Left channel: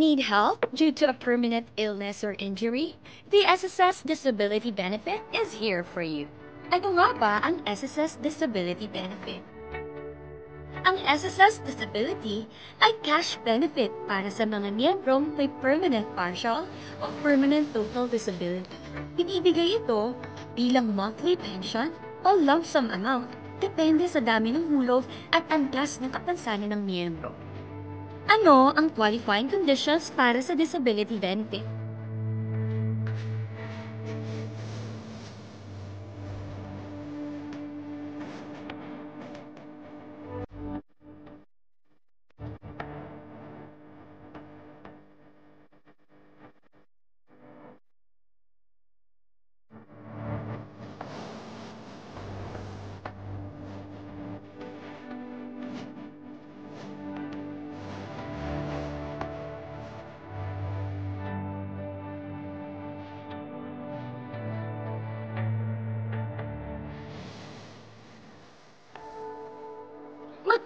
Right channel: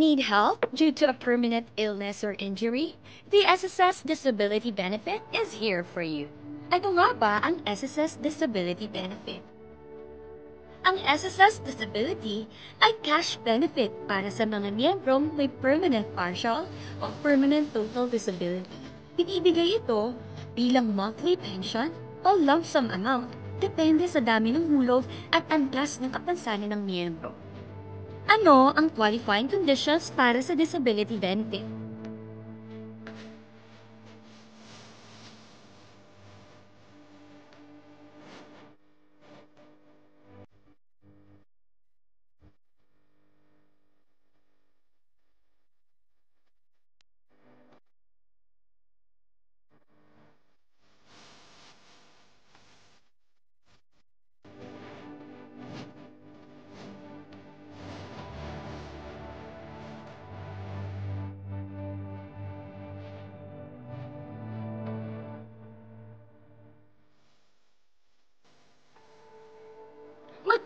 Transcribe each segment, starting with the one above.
Need help due to a permanent illness or injury? The SSS Disability Benefit is here for you. Ano nga ba ang SSS Disability Benefit? Ang SSS Disability ay cash benefit para sa mga miyembrong may permanent partial o permanent total disability. Binibigay ito bilang monthly pension o lump sum amount depende sa dami ng hulog at antas ng kapansanan ng miyembro. Ano ang qualifying conditions para sa disability benefit?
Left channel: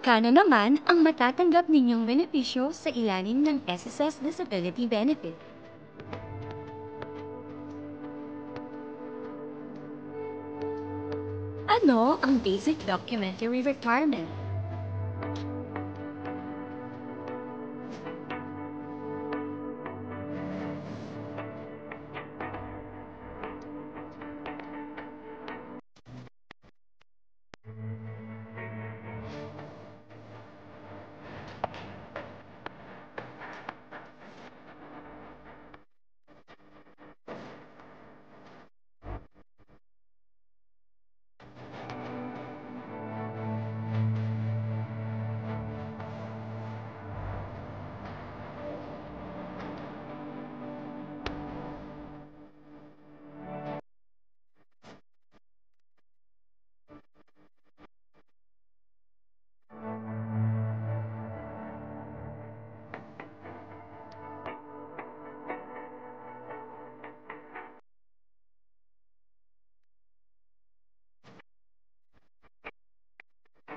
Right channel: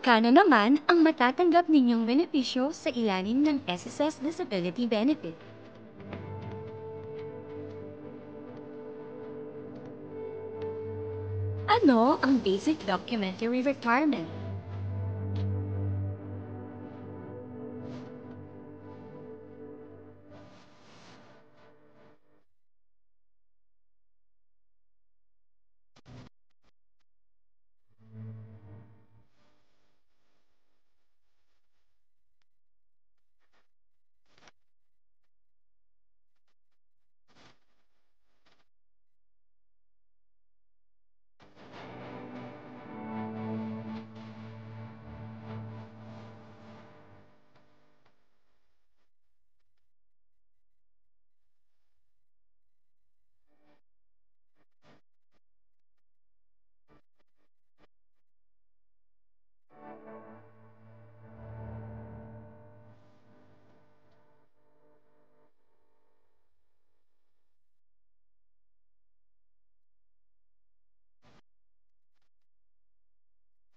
Magkano naman ang matatanggap ninyong benepisyo sa ilalim ng SSS Disability Benefit? Ano ang basic documentary requirement?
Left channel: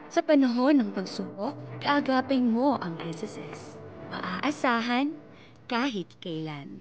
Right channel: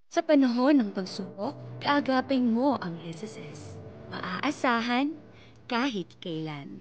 Sa panahon ng pagsubok, kaagapin mo ang SSS. Maaasahan kahit kailan.